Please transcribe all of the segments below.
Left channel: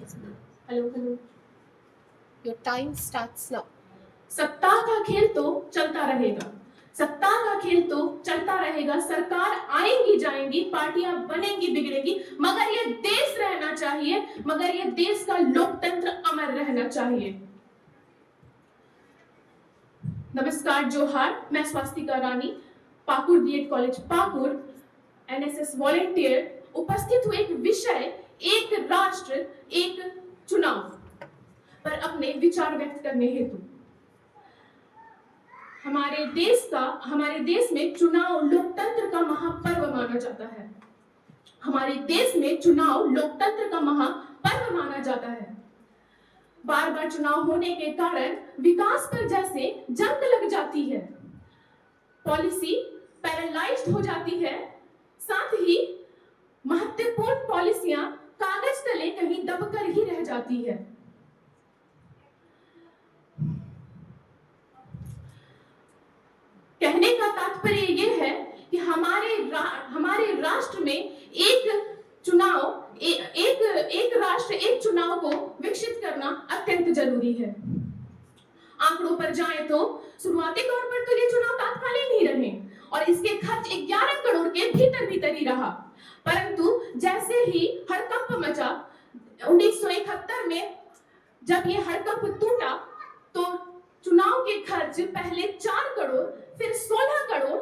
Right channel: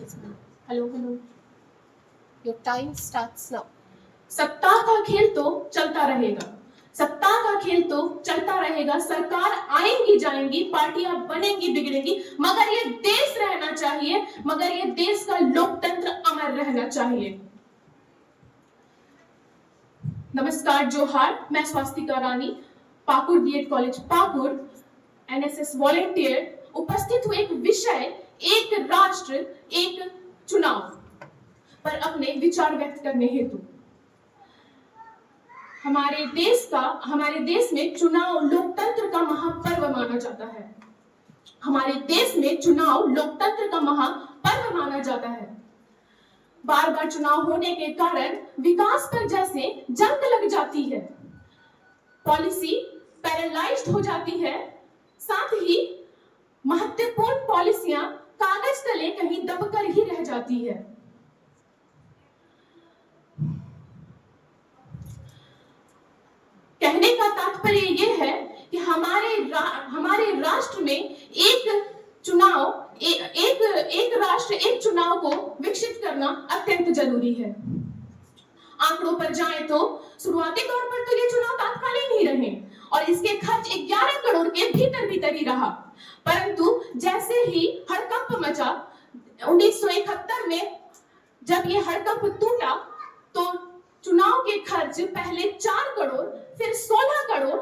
Hello hello, your time starts now. सत्ता का खेल तो चलता रहेगा, सत्ता का खेल तो चलता रहेगा। सरकार आएंगी जाएंगी, पार्टियां बनेंगी बिगड़ेंगी, मगर ये देश रहना चाहिए, मगर ये देश का लोकतंत्र अमर रहना चाहिए। नमस्कार, जोहार। मैं Swastika Rani, Pakur BEd college Pakur, NSS volunteer, उपस्थित हुए एक विषय एक राष्ट्र एक चुनाव पर अपने विचार व्यक्त करने हेतु। हमारे देश में चुनाव लोकतंत्र का महापर्व माना जाता है। हमारे देश में चुनाव लोकतंत्र का महापर्व माना जाता है। बार बार चुनाव होने के कारण विकास पर जैसे जंग लग जाती है, पॉलिसी पैरालाइज्ड हो जाती है, साथ ही महत्वपूर्ण पॉलिसियां कागज तले कहीं दबकर ही रह जाती है। कहने का तात्पर्य यह है कि हमारे राष्ट्र में एक राष्ट्र एक चुनाव को विकसित करना अत्यंत जरूरी है। आंकड़ों पर जाएं तो शुरुआती तौर पर तो ये चुनाव तात्कालिक ही रहे और इसके खर्च 11 करोड़ के भीतर ही रहा, परंतु जैसे ही हड़कंप मचा 1971 में, जब ये हड़कंप टूटा तो चुनाव के खर्च पहले 4 करोड़, फिर 16 करोड़,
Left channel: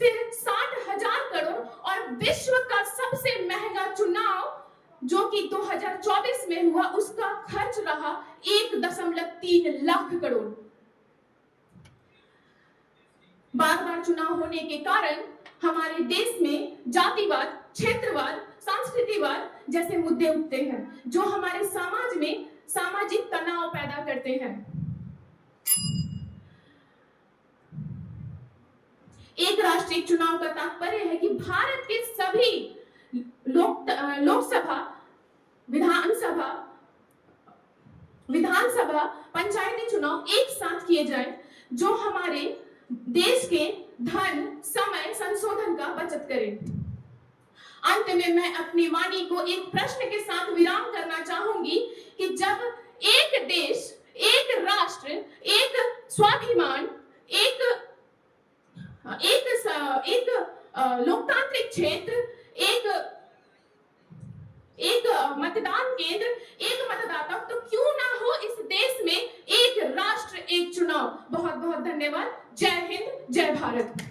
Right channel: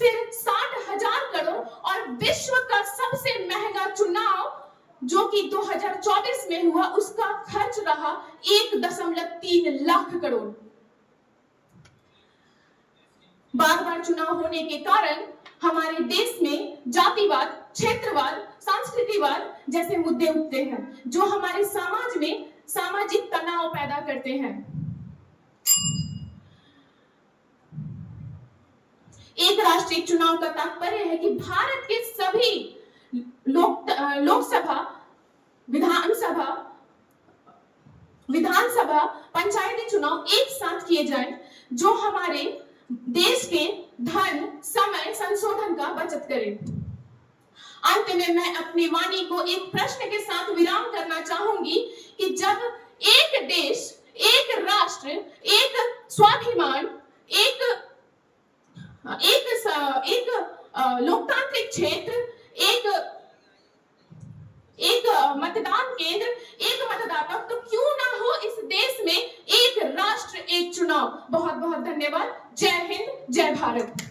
फिर 60,000 करोड़ और विश्व का सबसे महंगा चुनाव जो कि 2024 में हुआ, उसका खर्च रहा 1.3 लाख करोड़। बार बार चुनाव होने के कारण हमारे देश में जातिवाद, क्षेत्रवाद, संस्कृतिवाद जैसे मुद्दे उठते हैं, जो हमारे समाज में सामाजिक तनाव पैदा करते हैं। एक राष्ट्रीय चुनाव का तात्पर्य है कि भारत के सभी लोकसभा, विधानसभा, पंचायती चुनाव एक साथ किए जाएं, जो हमारे देश के धन, समय, संशोधन का बचत करे। अंत में मैं अपनी वाणी को एक प्रश्न के साथ विराम करना चाहूंगी कि जब एक देश, एक राष्ट्र, एक स्वाभिमान, एक लोकतांत्रिक क्षेत्र, एक मतदान केंद्र, एक मतदाता, तो क्यों ना हो इस देश में एक राष्ट्र एक चुनाव। बहुत बहुत धन्यवाद। जय हिंद, जय भारत।